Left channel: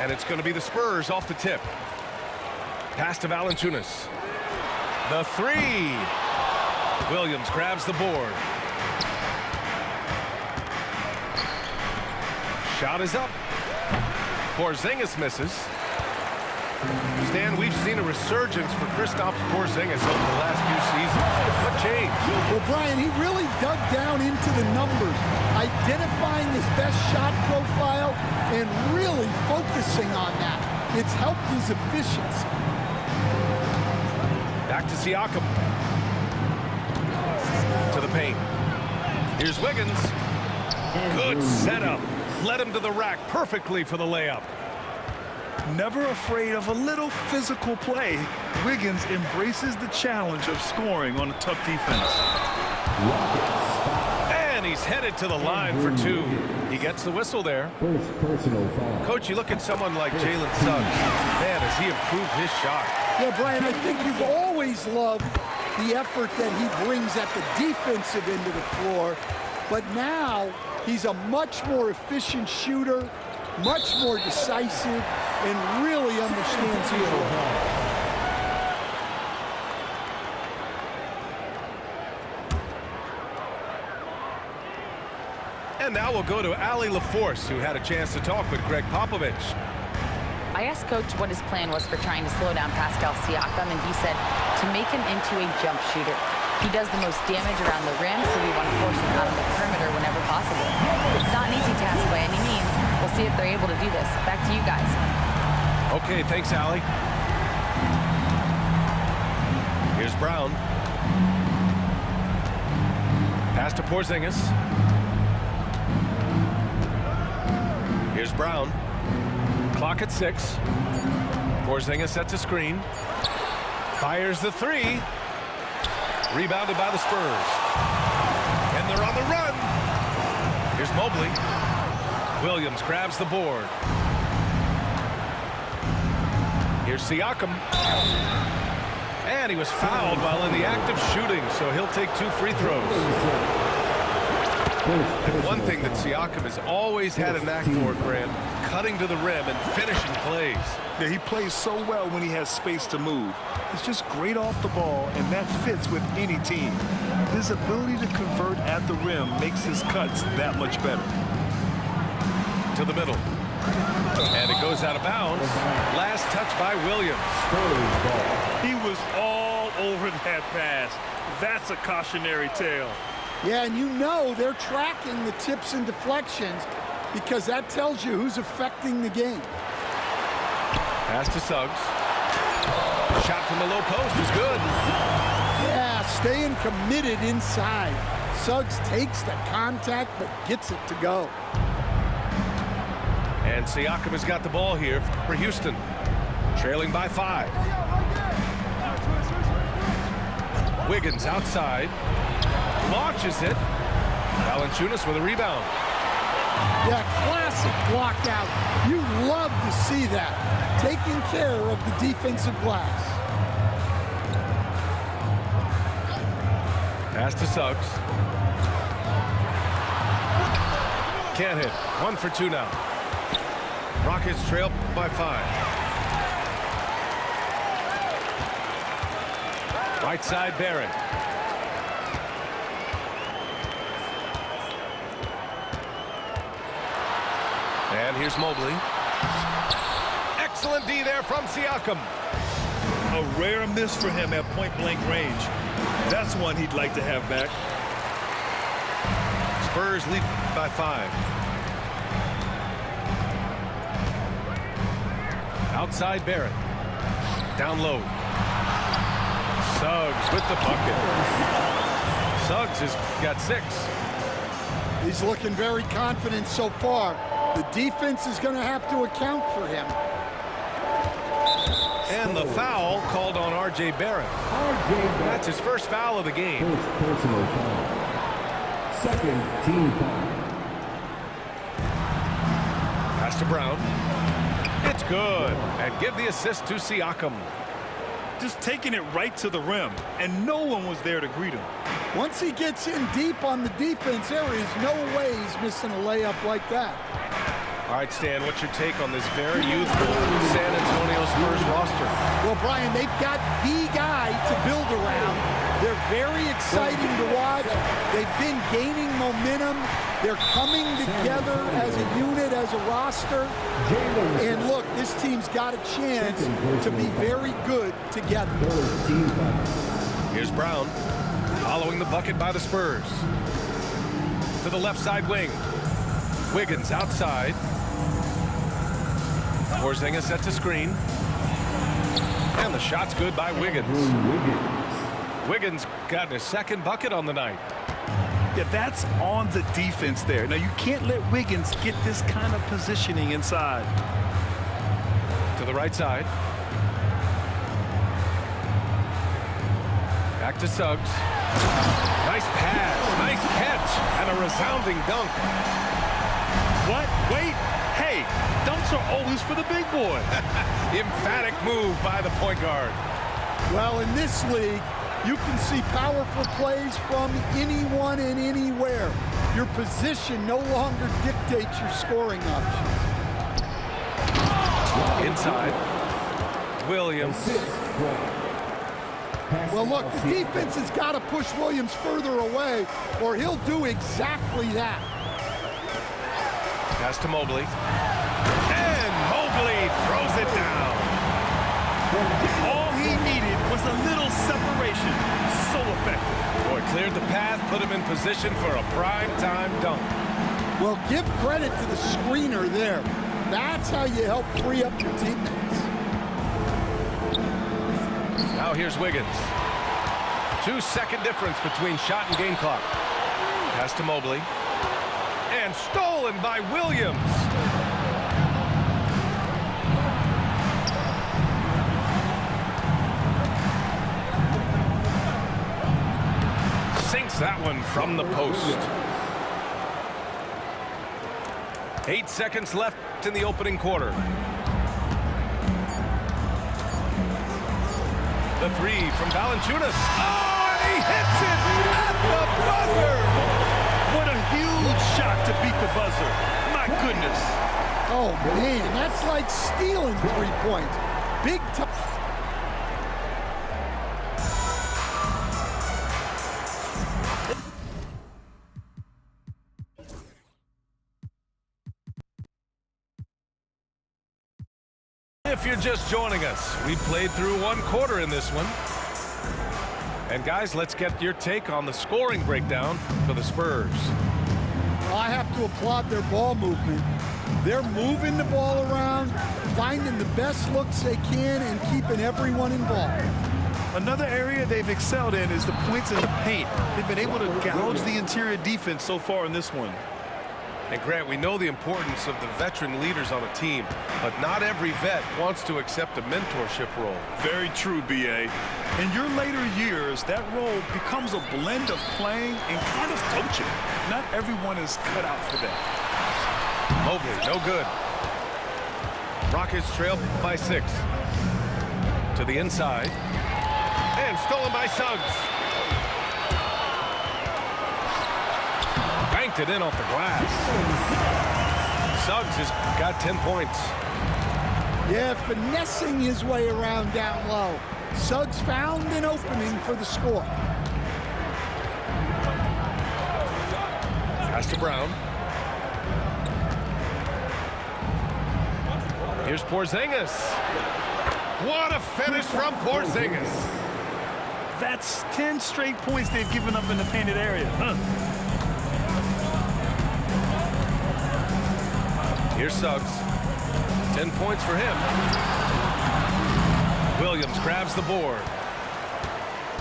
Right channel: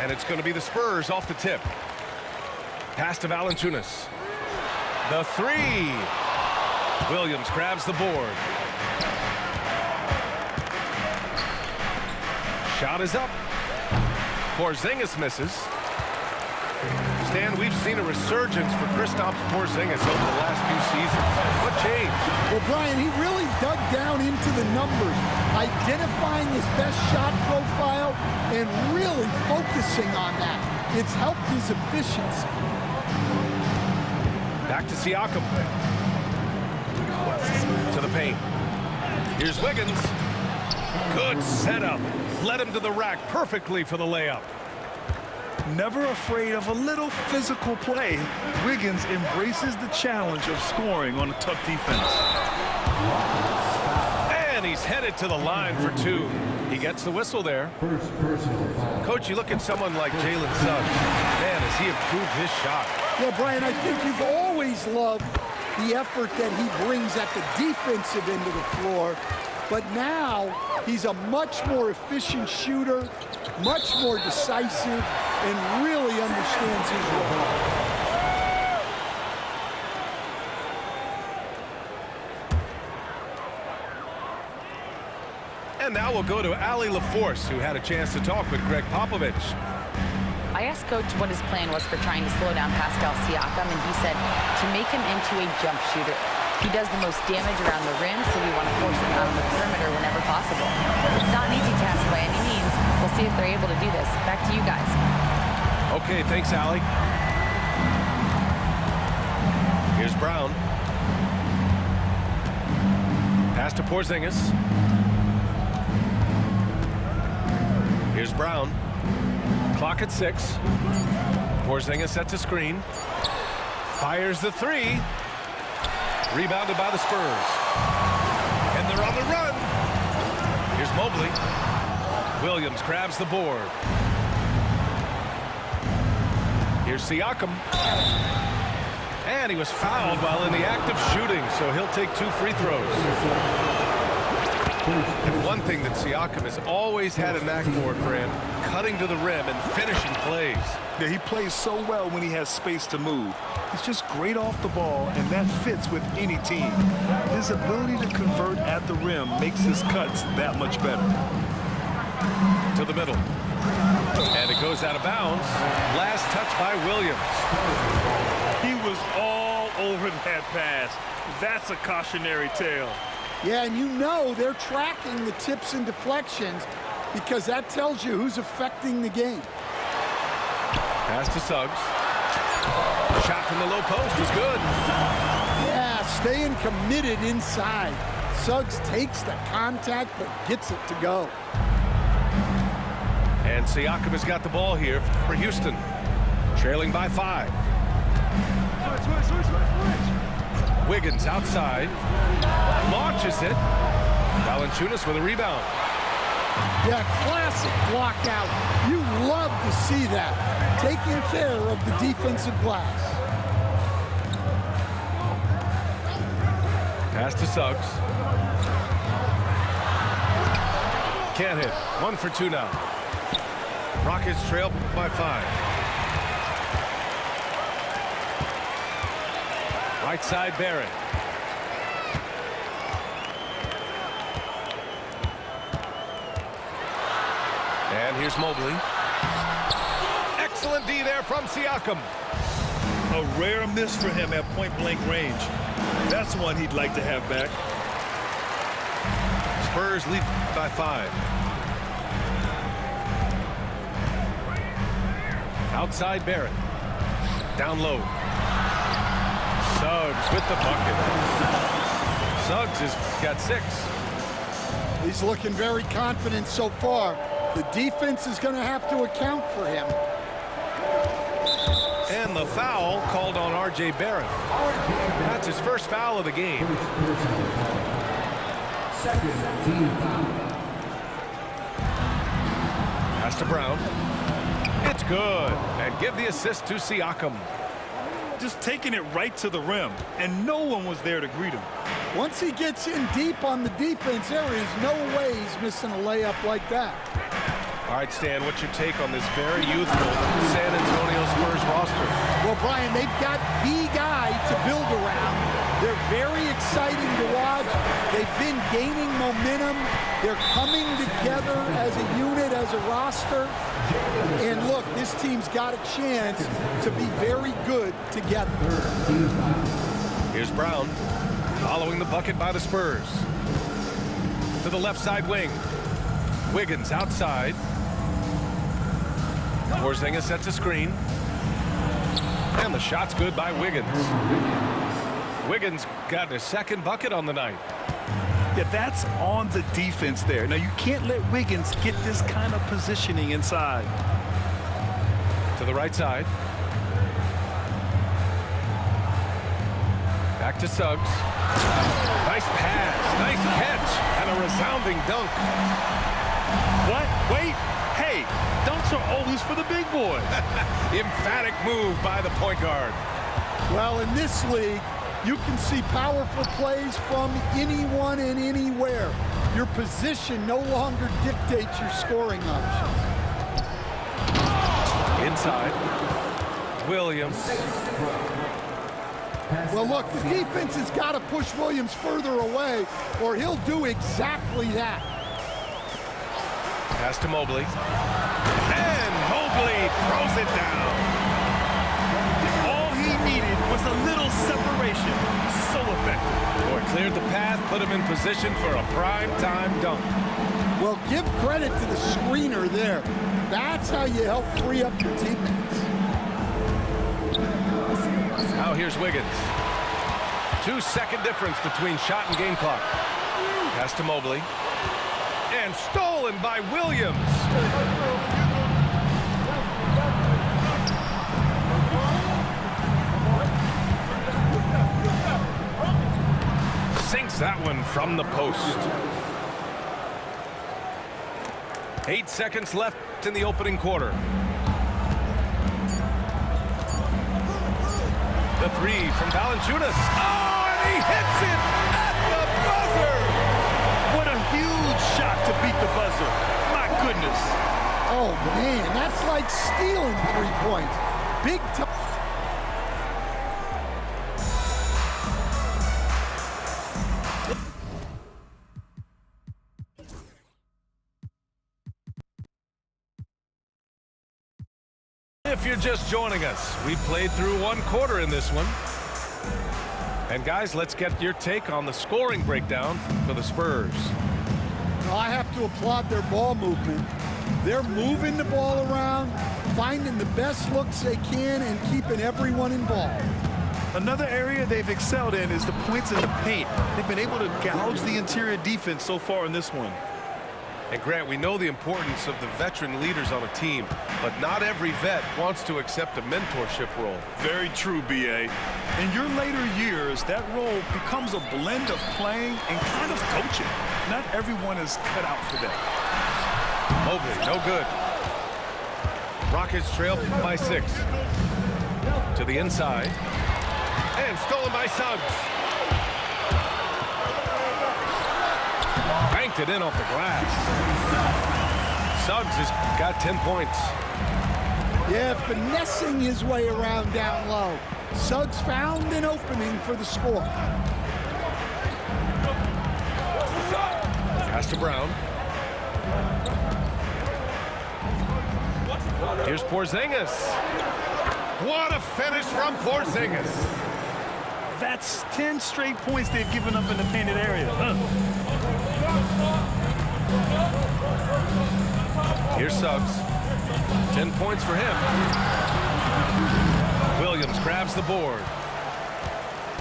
And it's going to be the Spurs off the tip. Pass to Valanciunas. The three. Williams grabs the board. Shot is up. Porzingis misses. Stan, we've seen a resurgence for Kristaps Porzingis over the last few seasons. What changed? Well, Brian, he really dug down into the numbers, identifying his best shot profile and really focusing on that. It's helped his efficiency. Back to Siakam. To the paint. Here's Wiggins. Good setup. Led him to the rack perfectly for the layup. Never afraid of a little physical play, Wiggins embraces the challenge of scoring on a tough defense. And he's headed to the line for two. He gets the whistle there. First personal foul. Coach, you look at someone like Jalen Suggs. Man, has he improved his shot. Yeah, Brian, I think you've always loved the effort that he brings at the defensive end of the floor. But now he's a much more efficient shooter, much more decisive, and really understands his role. And now we'll go to Allie LaForce, who had a chance to talk with Greg Popovich. I asked Coach what his plan was for trying to slow down Pascal Siakam, and he said to make him into a jump shooter. He does the most damage around the rim, so we want to force him out on the perimeter whenever possible. It's not an easy task by any means. We'll see if they're able to do this. Back to you guys. Okay, thanks, Allie. Here's Brown. Pass to Porzingis. Here's Brown. Clock at 6. Porzingis sets a screen. Fires the three. Rebounded by the Spurs. And they're on the run. Here's Mobley. Williams grabs the board. Here's Siakam. And he was fouled while in the act of shooting, so he'll take 2 free throws. And one thing that Siakam has always had a knack for, Grant, cutting to the rim and finishing plays. Yeah, he plays so well when he has space to move. He's just great off the ball, and that fits with any team. His ability to convert at the rim makes his cuts that much better. To the middle. And it goes out of bounds. Last touch by Williams. He was all over that pass. That's a cautionary tale. Yeah, and you know they're tracking the tips and deflections because that tells you who's affecting the game. Pass to Suggs. Shot from the low post is good. Yeah, staying committed inside. Suggs takes the contact but gets it to go. And Siakam has got the ball here for Houston. Trailing by 5. Wiggins outside. Launches it. Valanciunas with a rebound. Yeah, classic block out. You love to see that. Taking care of the defensive glass. Pass to Suggs. Can't hit. 1 for 2 now. Rockets trail by 5. Right side, Barrett. And here's Mobley. Excellent D there from Siakam. A rare miss for him at point-blank range. That's one he'd like to have back. Spurs lead by 5. Outside Barrett. Down low. Suggs with the bucket. Suggs has got 6. He's looking very confident so far. The defense is going to have to account for him. And the foul called on R.J. Barrett. That's his first foul of the game. First personal foul. Second team foul. Pass to Brown. It's good. And give the assist to Siakam. Just taking it right to the rim, and no one was there to greet him. Once he gets in deep on the defense, there is no way he's missing a layup like that. All right, Stan, what's your take on this very youthful San Antonio Spurs roster? Well, Brian, they've got the guy to build around. They're very exciting to watch. They've been gaining momentum. They're coming together as a unit, as a roster. And look, this team's got a chance to be very good together. Here's Brown, following the bucket by the Spurs. To the left side wing. Wiggins outside. Porzingis sets a screen. And the shot's good by Wiggins. Wiggins got his second bucket on the night. Yeah, that's on the defense there. Now, you can't let Wiggins get this kind of positioning inside. To the right side. Back to Suggs. Nice pass, nice catch, and a resounding dunk. What? Wait. Hey, dunks are always for the big boys. Emphatic move by the point guard. Well, in this league, you can see powerful plays from anyone and anywhere. Your position no longer dictates your scoring options. Inside. Williams. Well, look, the defense has got to push Williams further away, or he'll do exactly that. Pass to Mobley. And Mobley throws it down. All he needed was a little separation. So effective. Boy, cleared the path, put him in position for a prime-time dunk. Well, give credit to the screener there. That's how you help free up your teammates. Now here's Wiggins. 2-second difference between shot and game clock. Pass to Mobley. And stolen by Williams. Sinks that one from the post. 8 seconds left in the opening quarter. The three from Valanciunas. Oh, and he hits it at the buzzer. What a huge shot to beat the buzzer. My goodness. Oh, man, that's like stealing 3 points. Big time. If you're just joining us, we played through 1 quarter in this one. And guys, let's get your take on the scoring breakdown for the Spurs. Well, I have to applaud their ball movement. They're moving the ball around, finding the best looks they can, and keeping everyone involved. Another area they've excelled in is the points in the paint. They've been able to gouge the interior defense so far in this one. And Grant, we know the importance of the veteran leaders on a team, but not every vet wants to accept a mentorship role. Very true, B.A. In your later years, that role becomes a blend of playing and kind of coaching. Not everyone is cut out for that. Mobley, no good. Rockets trail by 6. To the inside. And stolen by Suggs. Banked it in off the glass. Suggs has got 10 points. Yeah, finessing his way around down low. Suggs found an opening for the score. Pass to Brown. Here's Porzingis. What a finish from Porzingis. That's 10 straight points they've given up in the painted area. Here's Suggs. 10 points for him. Williams grabs the board.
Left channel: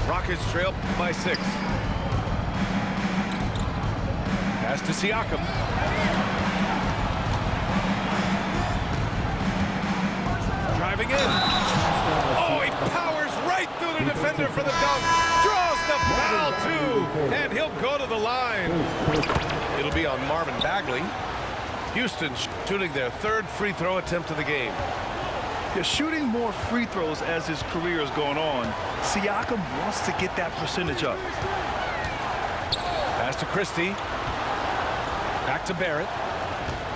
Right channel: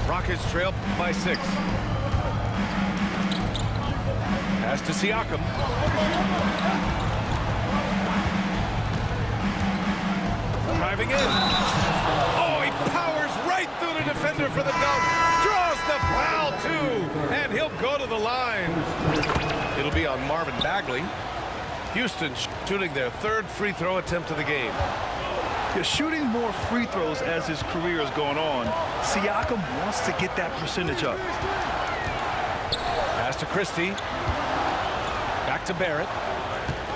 Rockets trail by 6. Pass to Siakam. Driving in. Oh, he powers right through the defender for the dunk. Draws the foul, too. And he'll go to the line. It'll be on Marvin Bagley. Houston shooting their 3rd free throw attempt of the game. Yeah, shooting more free throws as his career is going on. Siakam wants to get that percentage up. Pass to Christie. Back to Barrett.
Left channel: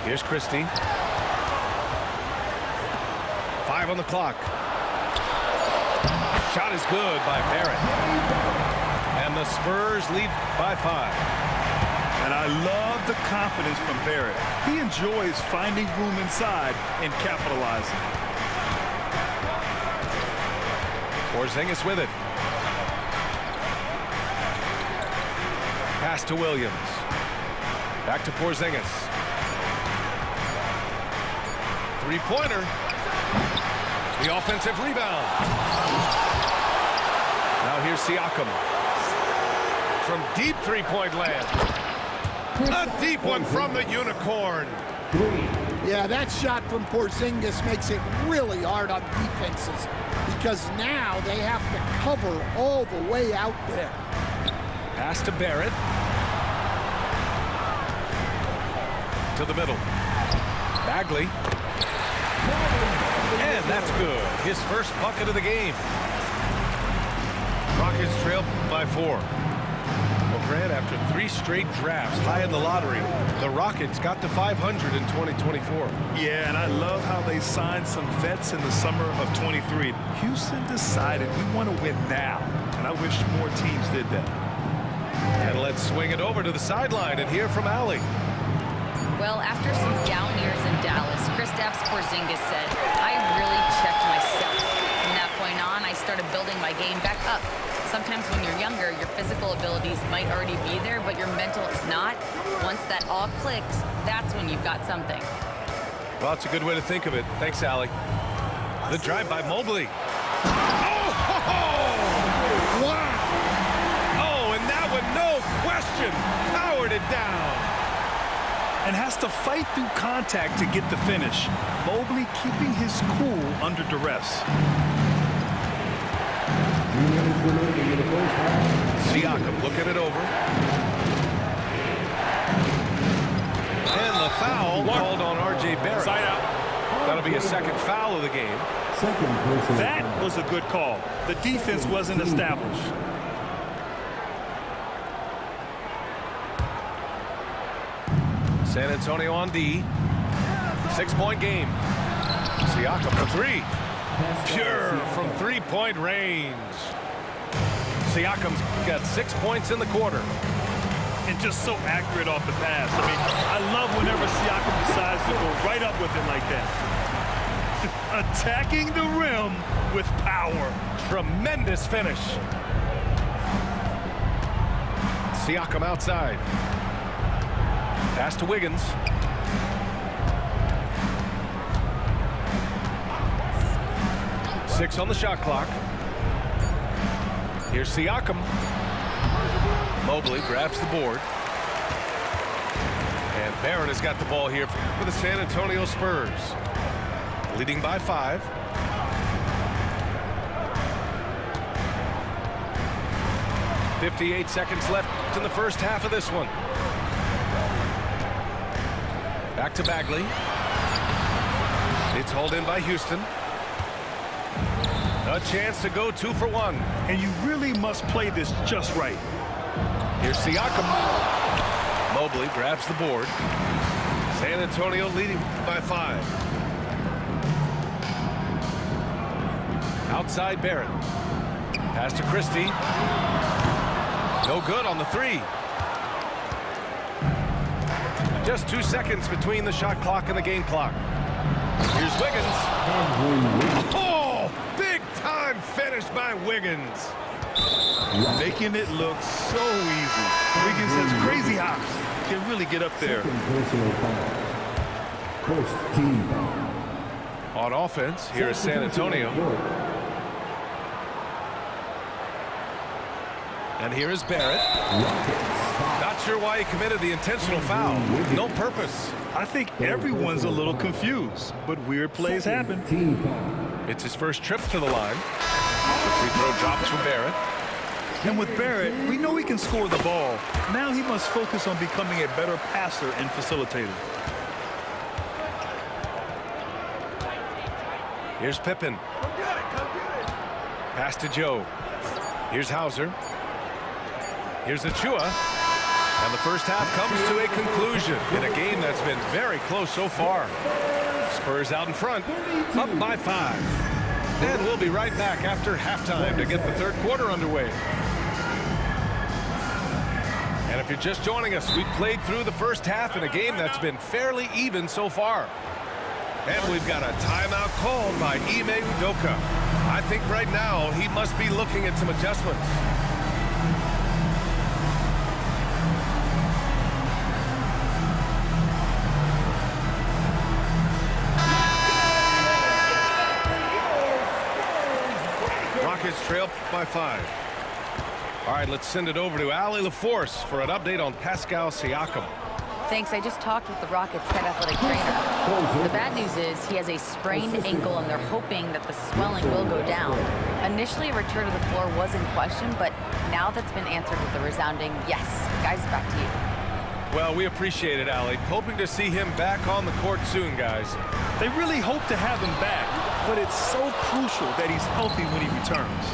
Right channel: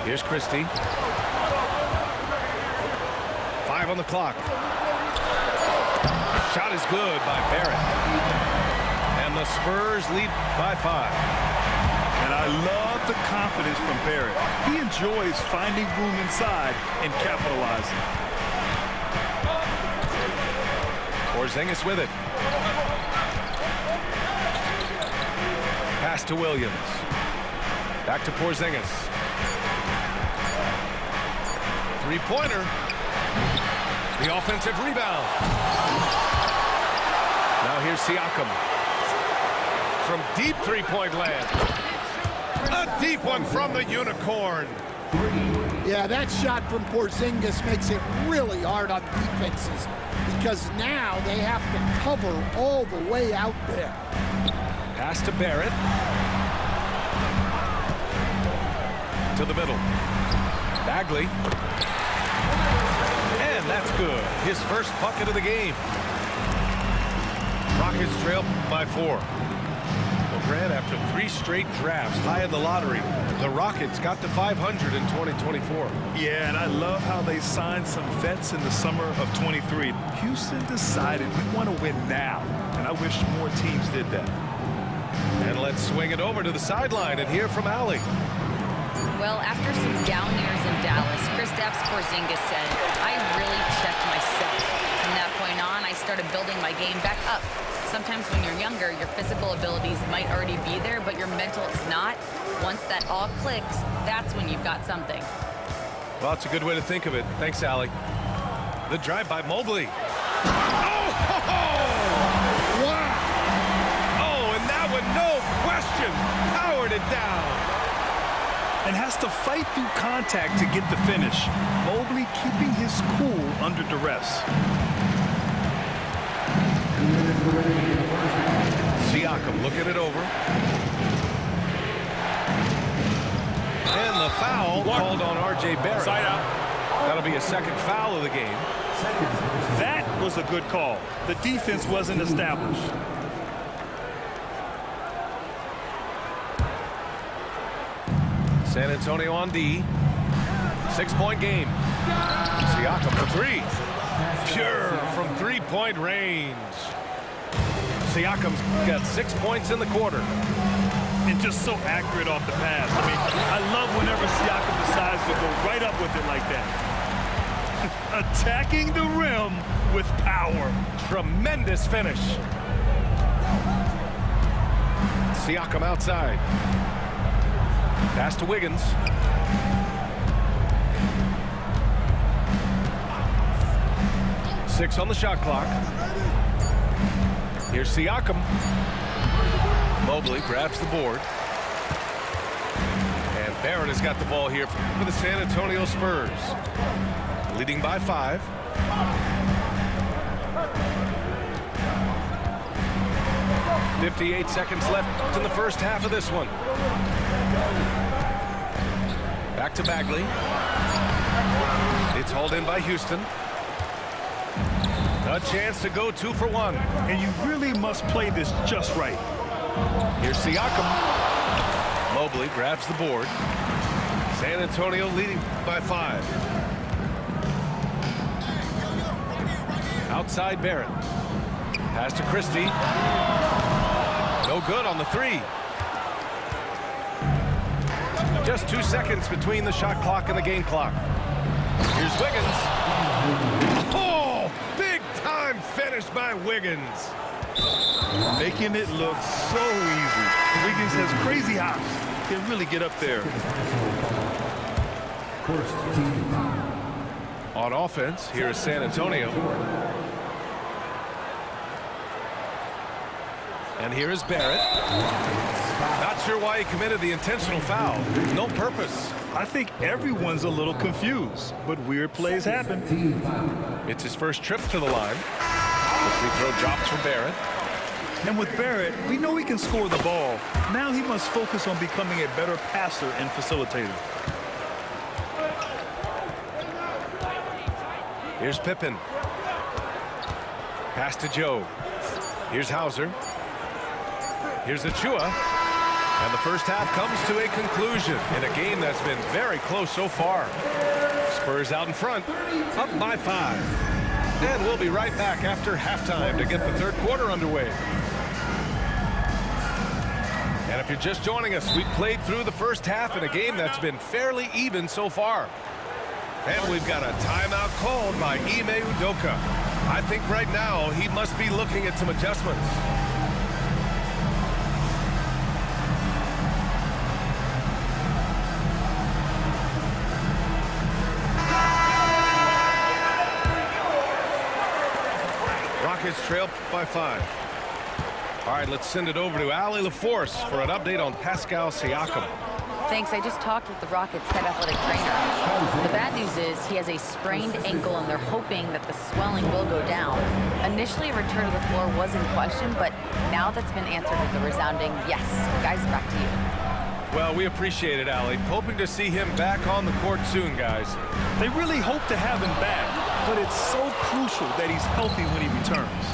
Here's Christie. 5 on the clock. Shot is good by Barrett. And the Spurs lead by 5. And I love the confidence from Barrett. He enjoys finding room inside and capitalizing. Porzingis with it. Pass to Williams. Back to Porzingis. Three-pointer. The offensive rebound. Now here's Siakam. From deep three-point land. A deep one from the Unicorn. Yeah, that shot from Porzingis makes it really hard on defenses because now they have to cover all the way out there. Pass to Barrett. To the middle. Bagley. And that's good. His first bucket of the game. Rockets trail by 4. Well, Grant, after 3 straight drafts high in the lottery, the Rockets got to 500 in 2024. Yeah, and I love how they signed some vets in the summer of 23. Houston decided we want to win now, and I wish more teams did that. And let's swing it over to the sideline and hear from Allie. Well, after some down years in Dallas, Kristaps Porzingis said, I really checked myself. From that point on, I started building my game back up. Sometimes when you're younger, your physical abilities might already be there, but your mental is not. Once that all clicks, that's when you've got something. Well, it's a good way to think of it. Thanks, Allie. The drive by Mobley. Oh, ho, ho! Wow! Oh, and that one, no question, powered it down. And has to fight through contact to get the finish. Mobley keeping his cool under duress. Siakam looking it over. And the foul called on R.J. Barrett. Side out. That'll be a second foul of the game. That was a good call. The defense wasn't established. San Antonio on D. 6-point game. Siakam for 3. Pure from 3-point range. Siakam's got 6 points in the quarter. And just so accurate off the pass. I mean, I love whenever Siakam decides to go right up with it like that. Attacking the rim with power. Tremendous finish. Siakam outside. Pass to Wiggins. Six on the shot clock. Here's Siakam. Mobley grabs the board. And Barrett has got the ball here for the San Antonio Spurs. Leading by 5. .58 seconds left in the first half of this one. Back to Bagley. It's hauled in by Houston. A chance to go 2 for 1. And you really must play this just right. Here's Siakam. Mobley grabs the board. San Antonio leading by 5. Outside Barrett. Pass to Christie. No good on the 3. Just 2 seconds between the shot clock and the game clock. Here's Wiggins. Oh, big time finish by Wiggins. Making it look so easy. Wiggins has crazy hops. Can really get up there. First team foul. On offense, here is San Antonio. And here is Barrett. Not sure why he committed the intentional foul. No purpose. I think everyone's a little confused, but weird plays happen. Team foul. It's his first trip to the line. The free throw drops for Barrett. And with Barrett, we know he can score the ball. Now he must focus on becoming a better passer and facilitator. Here's Pippen. Pass to Joe. Here's Hauser. Here's Achua. And the first half comes to a conclusion in a game that's been very close so far. Spurs out in front, up by 5. And we'll be right back after halftime to get the third quarter underway. And if you're just joining us, we played through the first half in a game that's been fairly even so far. And we've got a timeout called by Ime Udoka. I think right now he must be looking at some adjustments. Rockets trail by 5. All right, let's send it over to Allie LaForce for an update on Pascal Siakam. Thanks. I just talked with the Rockets head athletic trainer. The bad news is he has a sprained ankle, and they're hoping that the swelling will go down. Initially, a return to the floor was in question, but now that's been answered with a resounding yes. Guys, back to you. Well, we appreciate it, Allie. Hoping to see him back on the court soon, guys. They really hope to have him back, but it's so crucial that he's healthy when he returns.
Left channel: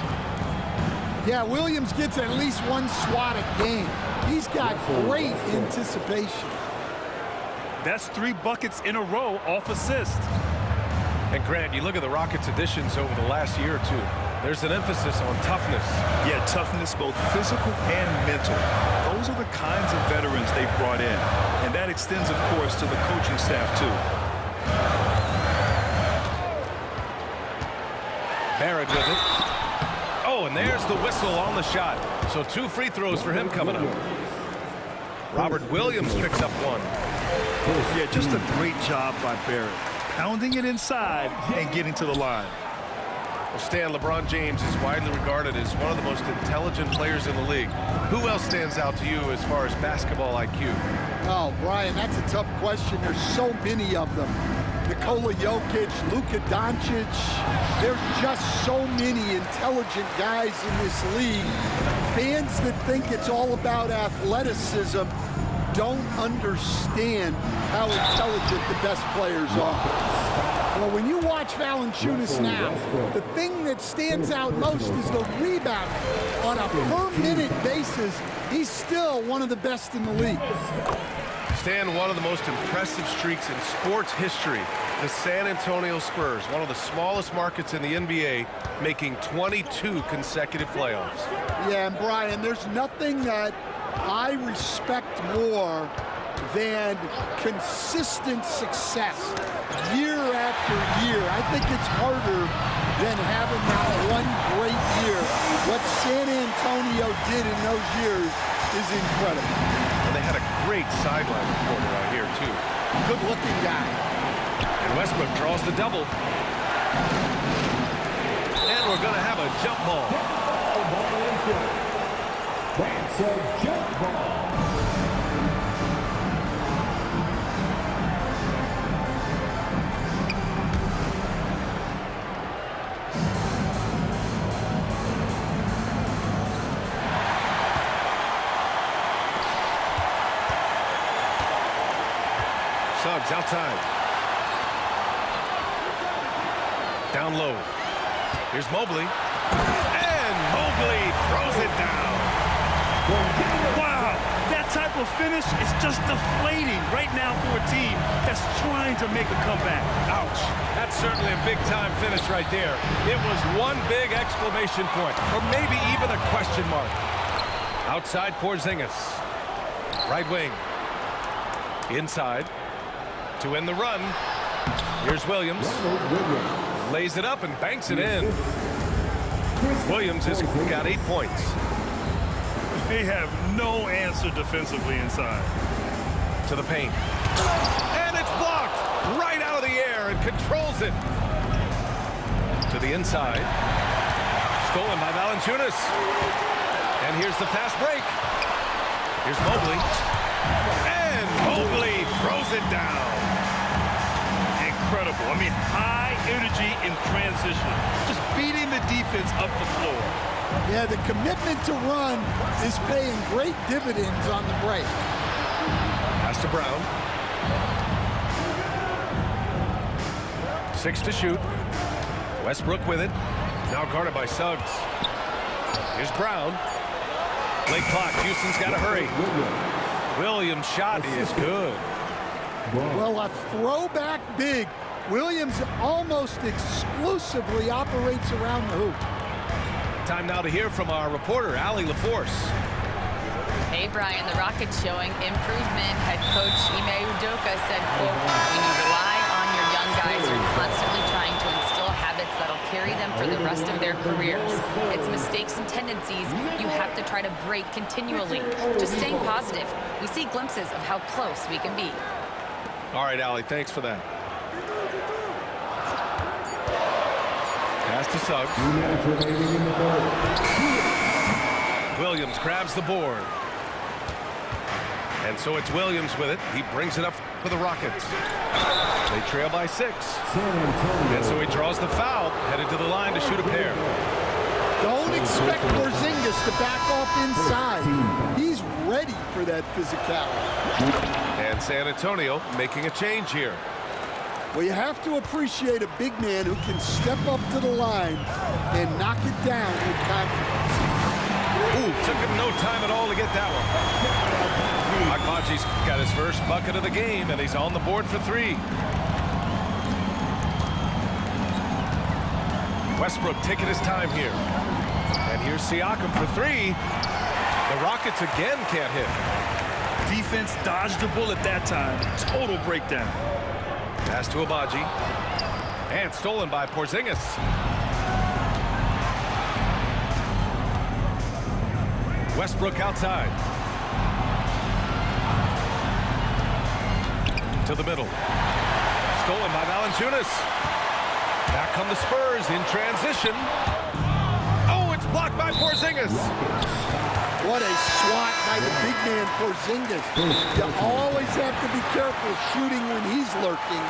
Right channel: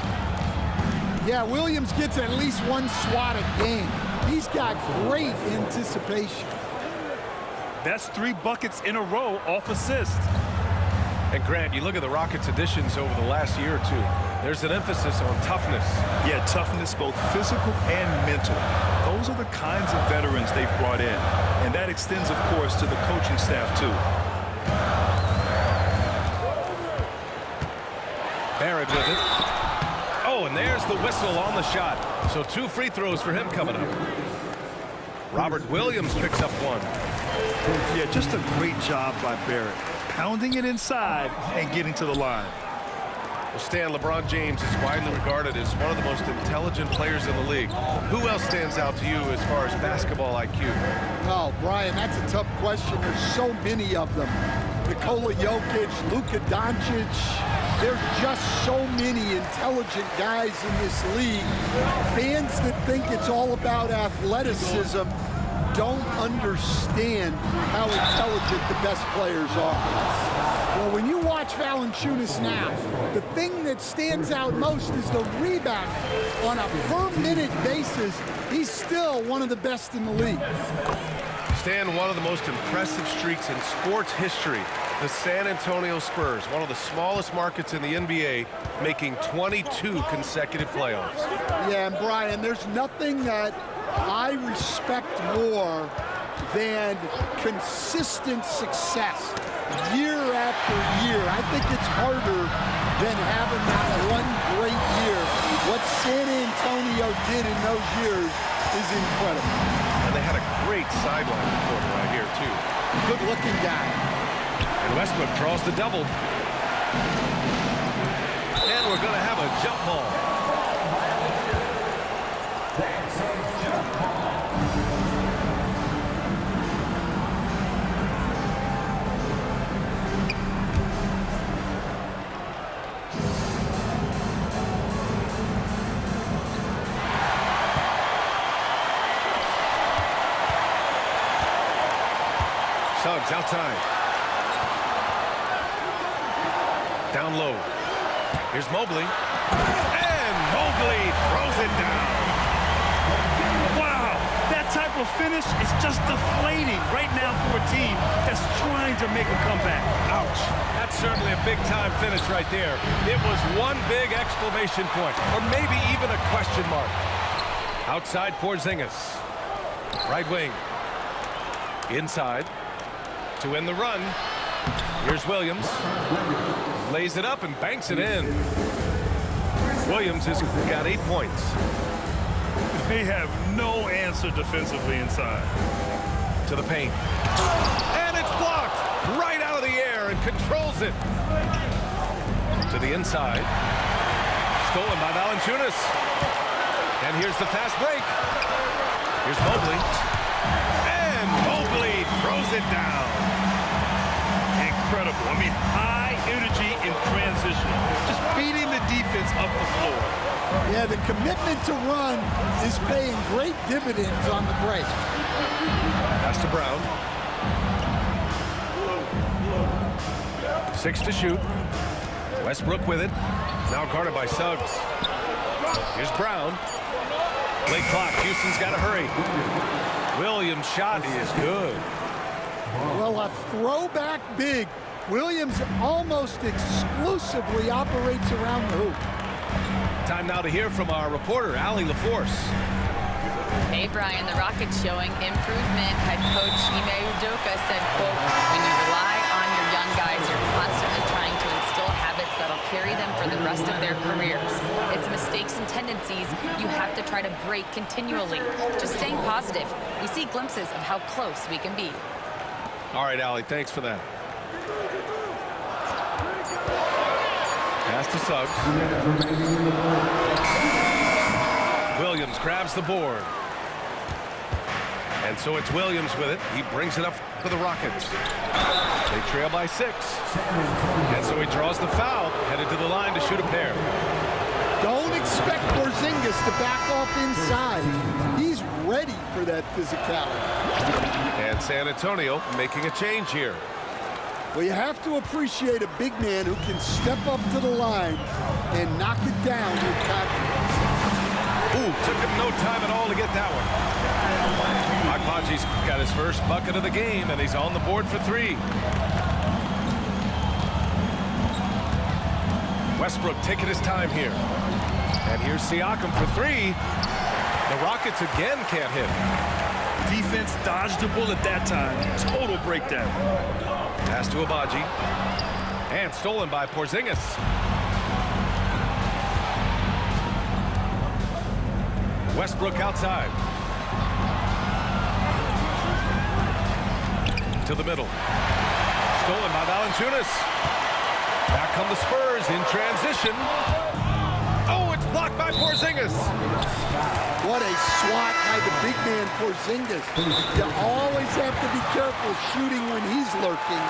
Yeah, Williams gets at least one swat a game. He's got great anticipation. That's 3 buckets in a row off assist. And Grant, you look at the Rockets' additions over the last year or two. There's an emphasis on toughness. Yeah, toughness, both physical and mental. Those are the kinds of veterans they've brought in. And that extends, of course, to the coaching staff, too. Barrett with it. Oh, and there's the whistle on the shot. So 2 free throws for him coming up. Robert Williams picks up 1. Yeah, just a great job by Barrett. Pounding it inside and getting to the line. Well, Stan, LeBron James is widely regarded as one of the most intelligent players in the league. Who else stands out to you as far as basketball IQ? Oh, Brian, that's a tough question. There's so many of them. Nikola Jokic, Luka Doncic. There's just so many intelligent guys in this league. Fans that think it's all about athleticism don't understand how intelligent the best players are. Well, when you watch Valanciunas now, the thing that stands out most is the rebounding. On a per-minute basis, he's still one of the best in the league. Stan, one of the most impressive streaks in sports history. The San Antonio Spurs, one of the smallest markets in the NBA, making 22 consecutive playoffs. Yeah, and Brian, there's nothing that I respect more than consistent success year after year. I think it's harder than having that one great year. What San Antonio did in those years is incredible. And they had a great sideline reporter out here, too. Good-looking guy. And Westbrook draws the double. And we're going to have a jump ball. That's a jump ball. Suggs outside. Down low. Here's Mobley. And Mobley throws it down. Wow, that type of finish is just deflating right now for a team that's trying to make a comeback. Ouch. That's certainly a big-time finish right there. It was one big exclamation point, or maybe even a question mark. Outside Porzingis. Right wing. Inside. To end the run. Here's Williams. Lays it up and banks it in. Williams has got 8 points. They have no answer defensively inside. To the paint. And it's blocked right out of the air and controls it. To the inside. Stolen by Valanciunas. And here's the fast break. Here's Mobley. And Mobley throws it down. Incredible. I mean, high energy in transition. Just beating the defense up the floor. Yeah, the commitment to run is paying great dividends on the break. Pass to Brown. 6 to shoot. Westbrook with it. Now guarded by Suggs. Here's Brown. Late clock. Houston's got to hurry. Williams' shot is good. Well, a throwback big Williams almost exclusively operates around the hoop. Time now to hear from our reporter, Allie LaForce. Hey, Brian, the Rockets showing improvement. Head coach Ime Udoka said, quote, when you rely on your young guys, you're constantly trying to instill habits that'll carry them for the rest of their careers. It's mistakes and tendencies you have to try to break continually. Just staying positive. We see glimpses of how close we can be. All right, Allie, thanks for that. Pass to Suggs. Williams grabs the board. And so it's Williams with it. He brings it up for the Rockets. They trail by 6. And so he draws the foul, headed to the line to shoot a pair. Don't expect Porzingis to back off inside. He's ready for that physicality. And San Antonio making a change here. Well, you have to appreciate a big man who can step up to the line and knock it down with confidence. Ooh, took him no time at all to get that one. Agbaji's got his first bucket of the game, and he's on the board for 3. Westbrook taking his time here. And here's Siakam for 3. The Rockets again can't hit. Defense dodged the bullet that time. Total breakdown. Pass to Agbaji. And stolen by Porzingis. Westbrook outside. To the middle. Stolen by Valanciunas. Back come the Spurs in transition. Oh, it's blocked by Porzingis. What a swat by the big man Porzingis. You always have to be careful shooting when he's lurking.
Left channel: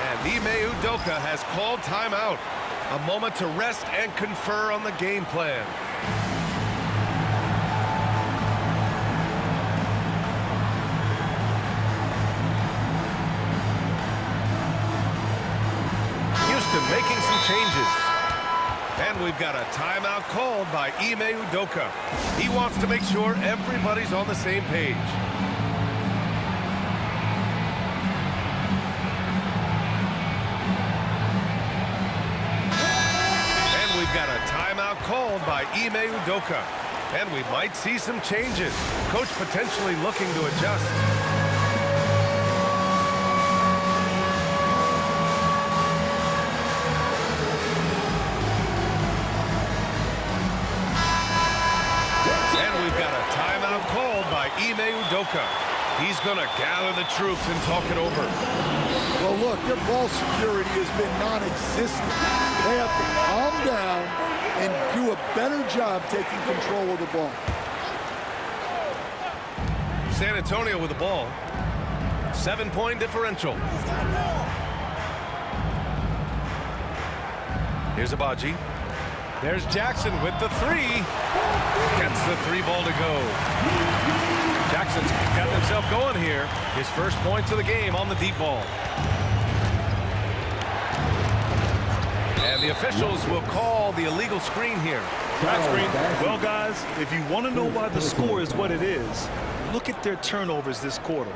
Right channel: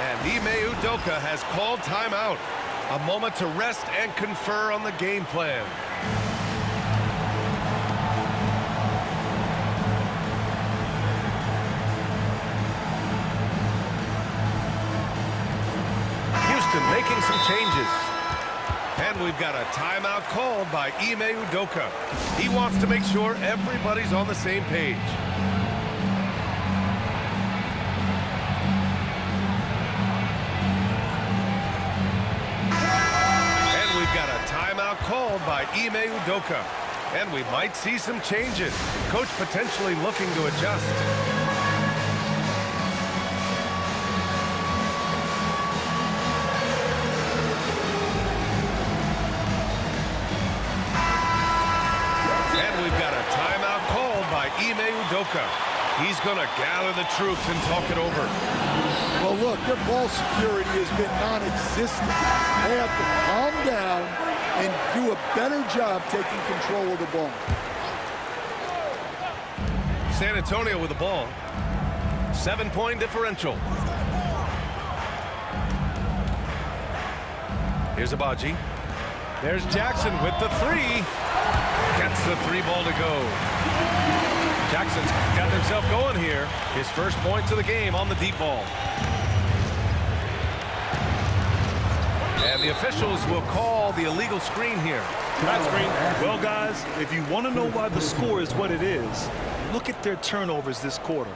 And Ime Udoka has called timeout. A moment to rest and confer on the game plan. Houston making some changes. And we've got a timeout called by Ime Udoka. He wants to make sure everybody's on the same page. And we've got a timeout called by Ime Udoka. And we might see some changes. Coach potentially looking to adjust. We've got a timeout called by Ime Udoka. He's going to gather the troops and talk it over. Well, look, their ball security has been non-existent. They have to calm down and do a better job taking control of the ball. San Antonio with the ball. 7-point differential. Here's Agbaji. There's Jackson with the 3. Gets the 3 ball to go. Jackson's gotten himself going here. His first points of the game on the deep ball. And the officials will call the illegal screen here. Bad screen. Well, guys, if you want to know why the score is what it is, look at their turnovers this quarter.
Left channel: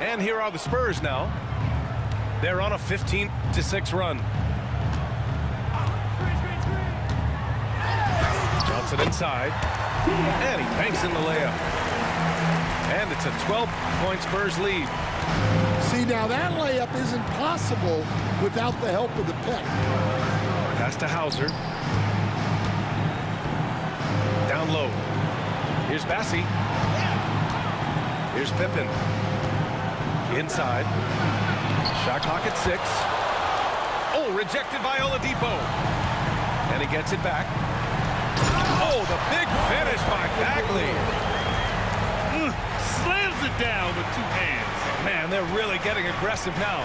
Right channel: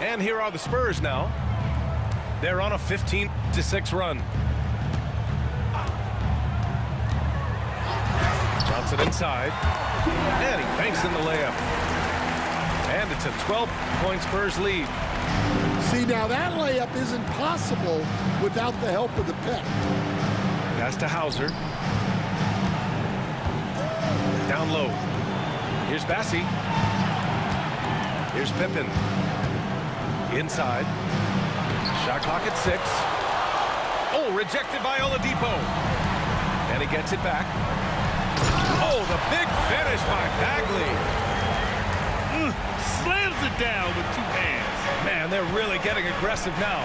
And here are the Spurs now. They're on a 15-6 run. Johnson inside. And he banks in the layup. And it's a 12-point Spurs lead. See, now that layup isn't possible without the help of the pick. Pass to Hauser. Down low. Here's Bassey. Here's Pippen. Inside. Shot clock at 6. Oh, rejected by Oladipo. And he gets it back. Oh, the big finish by Bagley. Slams it down with 2 hands. Man, they're really getting aggressive now.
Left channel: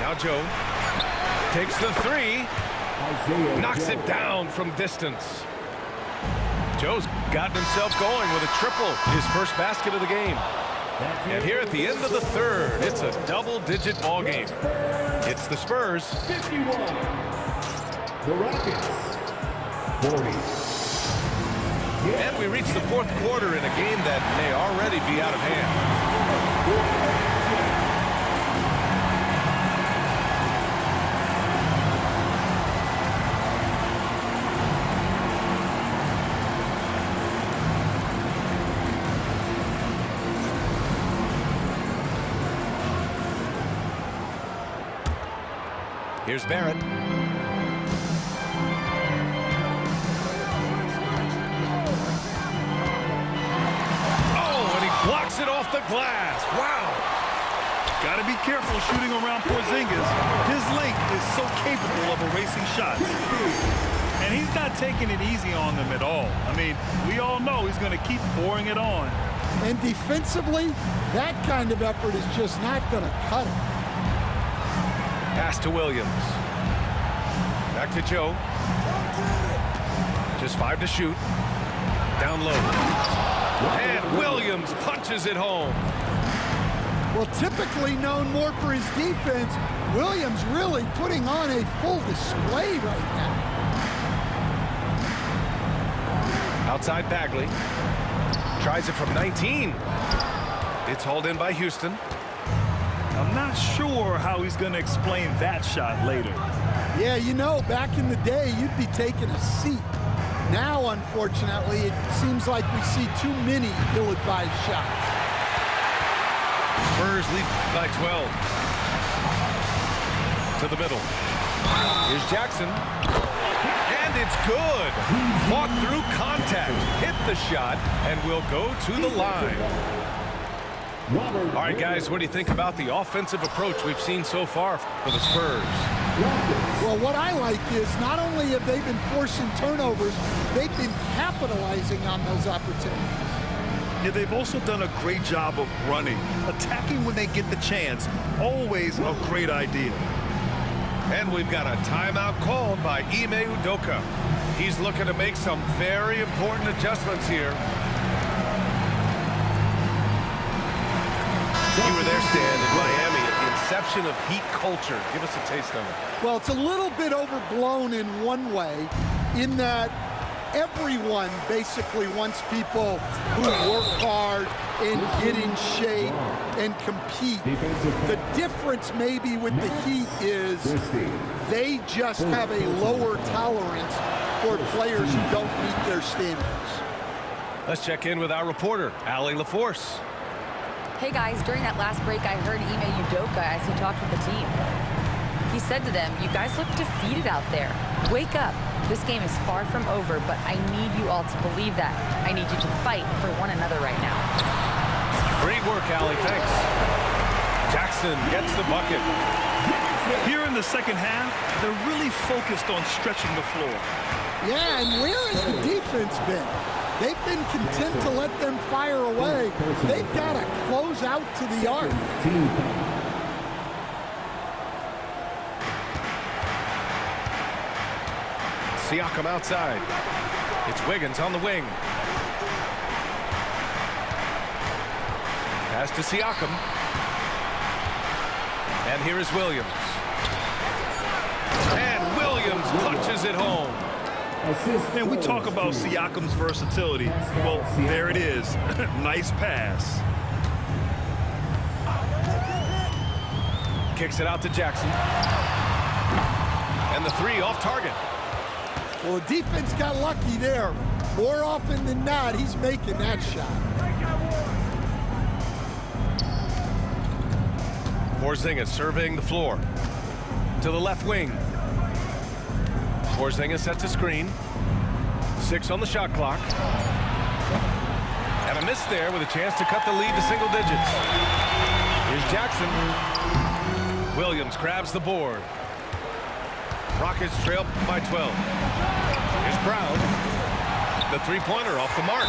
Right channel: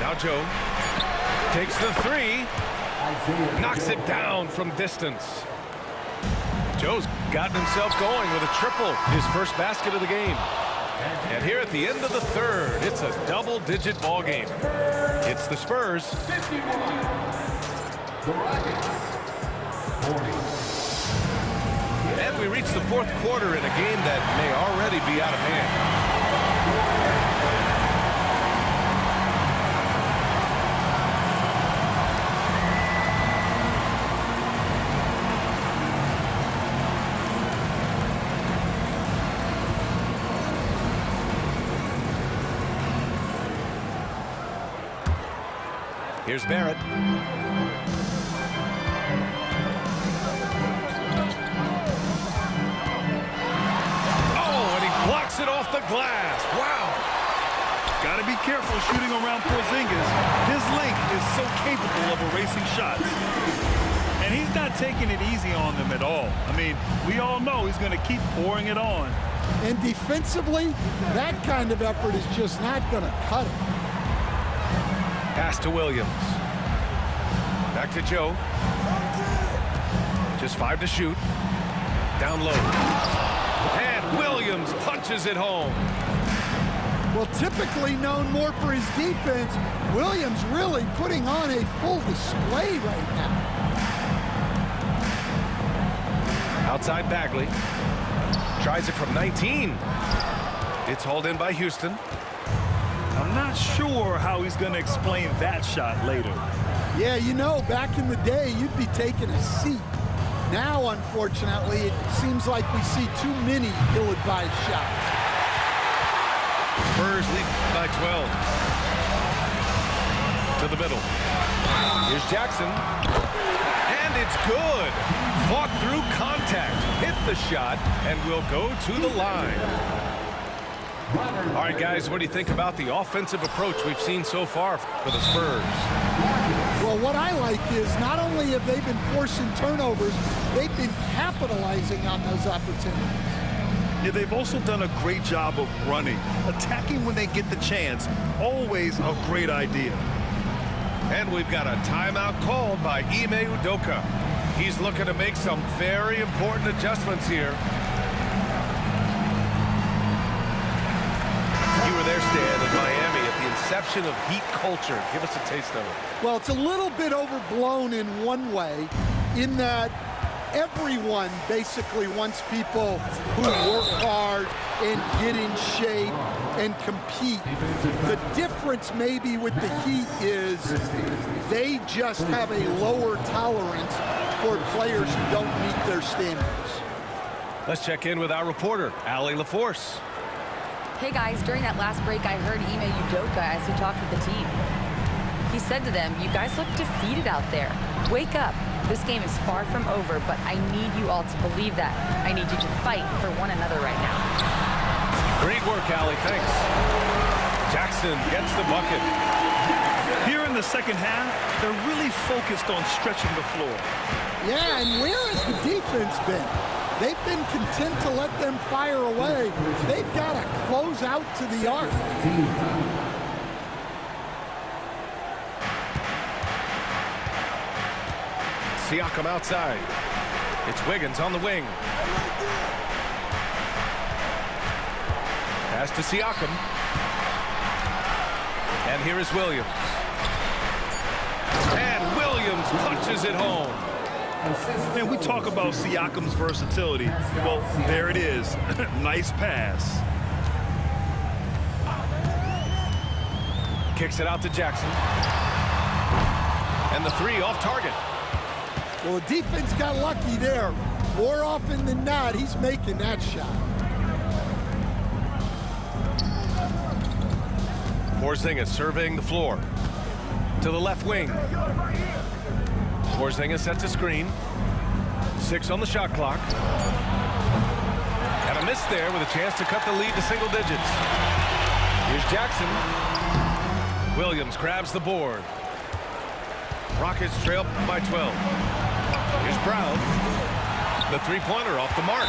Now Joe takes the 3. Knocks it down from distance. Joe's gotten himself going with a triple. His first basket of the game. And here at the end of the 3rd, it's a double-digit ball game. It's the Spurs. 51. The Rockets. 40. And we reach the 4th quarter in a game that may already be out of hand. Here's Barrett. Oh, and he blocks it off the glass. Wow. Got to be careful shooting around Porzingis. His length is so capable of erasing shots. And he's not taking it easy on them at all. I mean, we all know he's going to keep pouring it on. And defensively, that kind of effort is just not going to cut it. Pass to Williams. Back to Joe. Just 5 to shoot. Down low. And Williams punches it home. Well, typically known more for his defense, Williams really putting on a full display right now. Outside Bagley. Tries it from 19. It's hauled in by Houston. I'm not sure how he's going to explain that shot later. Yeah, you know, back in the day, you'd be taking a seat. Now, unfortunately, it seems like we see too many ill-advised shots. Spurs lead by 12. To the middle. Here's Jackson. And it's good. Fought through contact. Hit the shot and will go to the line. All right, guys, what do you think about the offensive approach we've seen so far for the Spurs? Well, what I like is not only have they been forcing turnovers, they've been capitalizing on those opportunities. Yeah, they've also done a great job of running. Attacking when they get the chance, always a great idea. And we've got a timeout called by Ime Udoka. He's looking to make some very important adjustments here. You were there, Stan, in Miami at the inception of Heat culture. Give us a taste of it. Well, it's a little bit overblown in one way, in that everyone basically wants people who work hard and get in shape and compete. The difference maybe with the Heat is they just have a lower tolerance for players who don't meet their standards. Let's check in with our reporter, Allie LaForce. Hey guys, during that last break, I heard Ime Udoka as he talked with the team. He said to them, "You guys look defeated out there. Wake up. This game is far from over, but I need you all to believe that. I need you to fight for one another right now." Great work, Allie. Thanks. Jackson gets the bucket. Here in the second half, they're really focused on stretching the floor. Yeah, and where has the defense been? They've been content to let them fire away. They've got to close out to the arc. Siakam outside. It's Wiggins on the wing. Pass to Siakam. And here is Williams. And Williams punches it home. And we talk about Siakam's versatility. Well, there it is. Nice pass. Kicks it out to Jackson. And the three off target. Well, the defense got lucky there. More often than not, he's making that shot. Porzingis surveying the floor. To the left wing. Porzingis sets a screen. 6 on the shot clock. And a miss there with a chance to cut the lead to single digits. Here's Jackson. Williams grabs the board. Rockets trail by 12. Here's Brown. The three-pointer off the mark.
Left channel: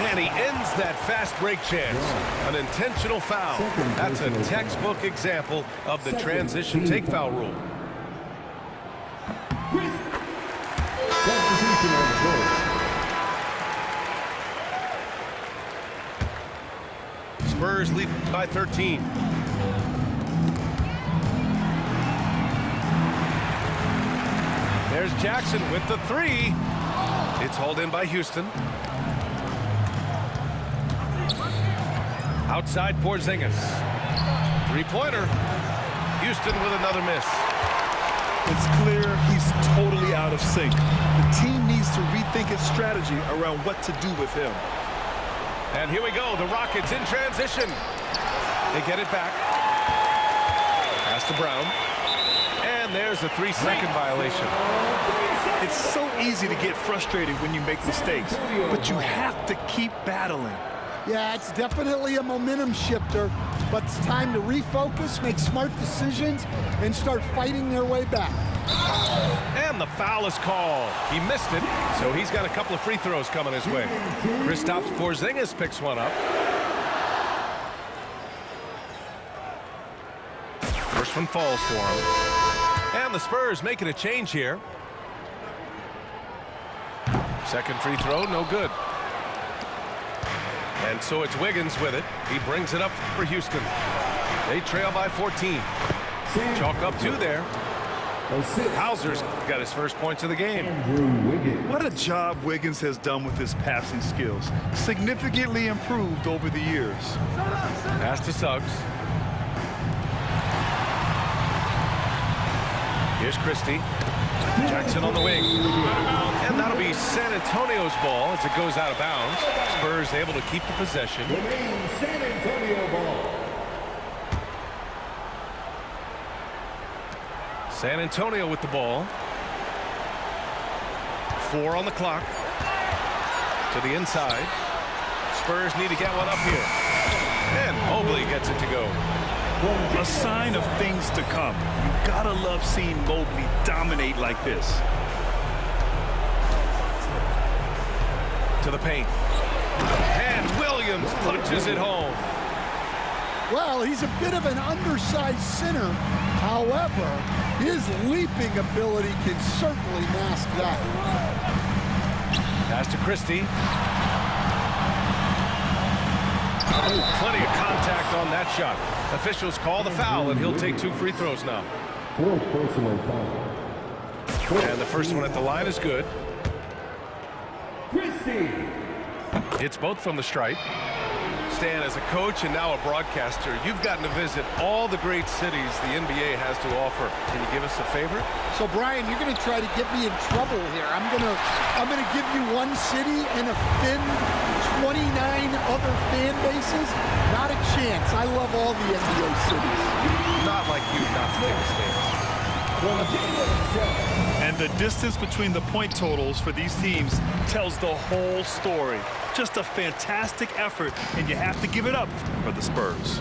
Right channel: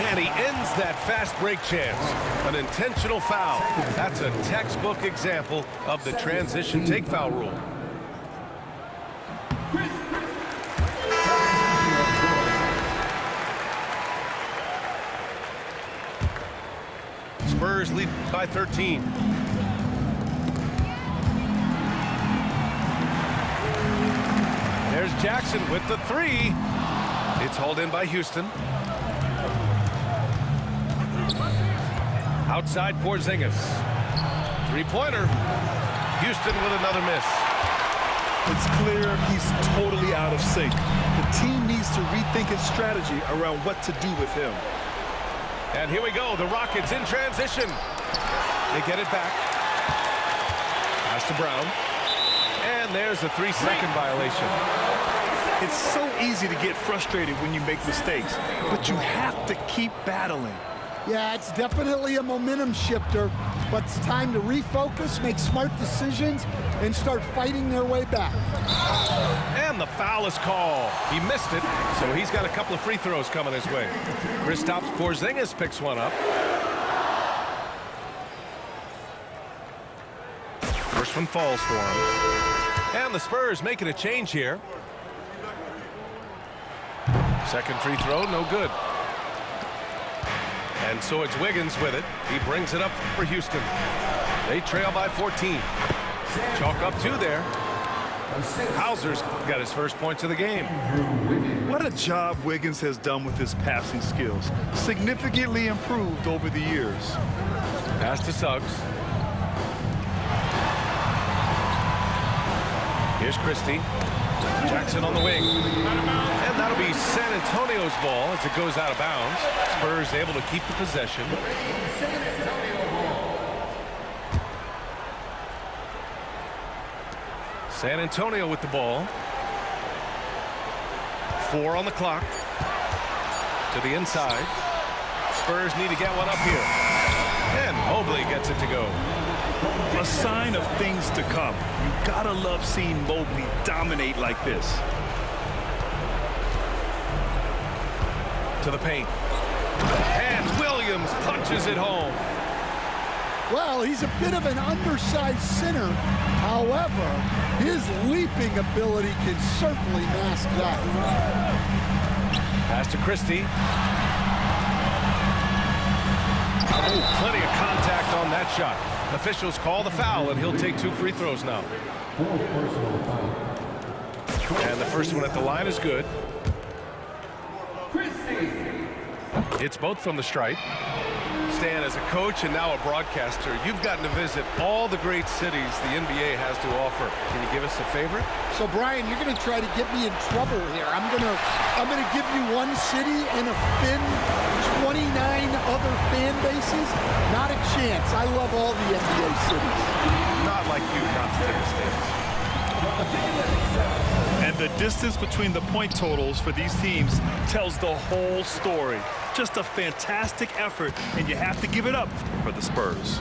And he ends that fast break chance. An intentional foul. That's a textbook example of the transition take foul rule. Spurs lead by 13. There's Jackson with the three. It's hauled in by Houston. Outside Porzingis. Three-pointer. Houston with another miss. It's clear he's totally out of sync. The team needs to rethink its strategy around what to do with him. And here we go. The Rockets in transition. They get it back. Pass to Brown. And there's a 3-second violation. It's so easy to get frustrated when you make mistakes, but you have to keep battling. Yeah, it's definitely a momentum shifter, but it's time to refocus, make smart decisions, and start fighting their way back. And the foul is called. He missed it, so he's got a couple of free throws coming his way. Kristaps Porzingis picks one up. First one falls for him. And the Spurs making a change here. Second free throw, no good. And so it's Wiggins with it. He brings it up for Houston. They trail by 14. Chalk up 2 there. Hauser's got his first points of the game. What a job Wiggins has done with his passing skills. Significantly improved over the years. Pass to Suggs. Here's Christie. Jackson on the wing. And that'll be San Antonio's ball as it goes out of bounds. Spurs able to keep the possession. San Antonio ball. San Antonio with the ball. 4 on the clock. To the inside. Spurs need to get one up here. And Mobley gets it to go. A sign of things to come. You gotta love seeing Mobley dominate like this. To the paint. And Williams punches it home. Well, he's a bit of an undersized center. However, his leaping ability can certainly mask that. Pass to Christie. Oh, plenty of contact on that shot. Officials call the foul, and he'll take 2 free throws now. 4 personal foul. And the first one at the line is good. Christie. It's both from the stripe. Stan, as a coach and now a broadcaster, you've gotten to visit all the great cities the NBA has to offer. Can you give us a favorite? So, Brian, you're going to try to get me in trouble here. I'm going to give you one city and offend 29 other fan bases. Not a chance. I love all the NBA cities. Not like you not to take a stance. And the distance between the point totals for these teams tells the whole story. Just a fantastic effort, and you have to give it up for the Spurs.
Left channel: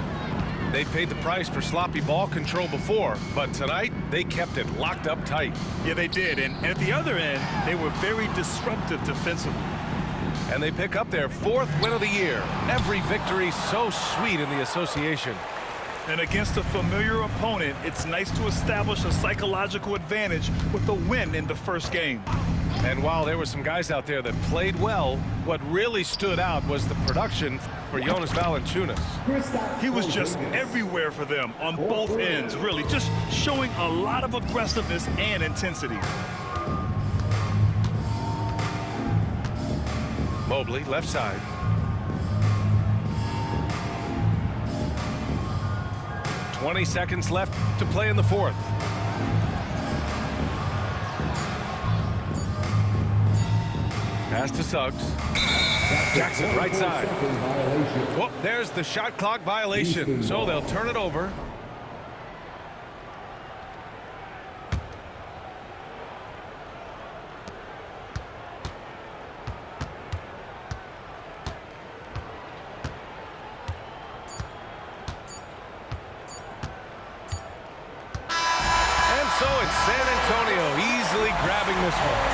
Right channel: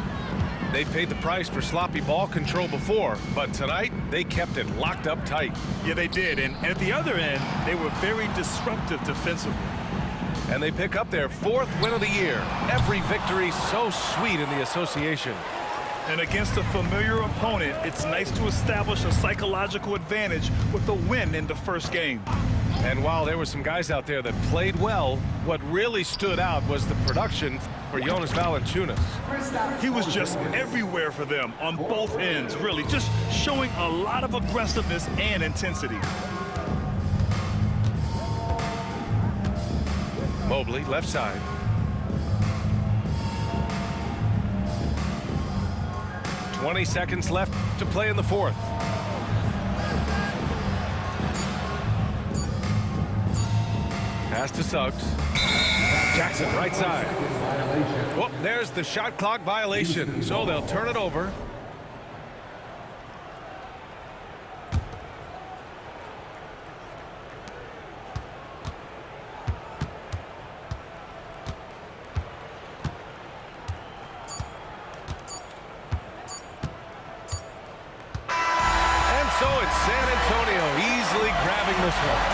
They paid the price for sloppy ball control before, but tonight they kept it locked up tight. Yeah, they did, and at the other end, they were very disruptive defensively. And they pick up their 4th win of the year. Every victory so sweet in the association. And against a familiar opponent, it's nice to establish a psychological advantage with a win in the first game. And while there were some guys out there that played well, what really stood out was the production for Jonas Valanciunas. He was just everywhere for them on both ends, really, just showing a lot of aggressiveness and intensity. Mobley, left side. "20 seconds left to play in the 4th. Pass to Suggs. Jackson, right side. Oh, there's the shot clock violation, so they'll turn it over. So it's San Antonio easily grabbing this one.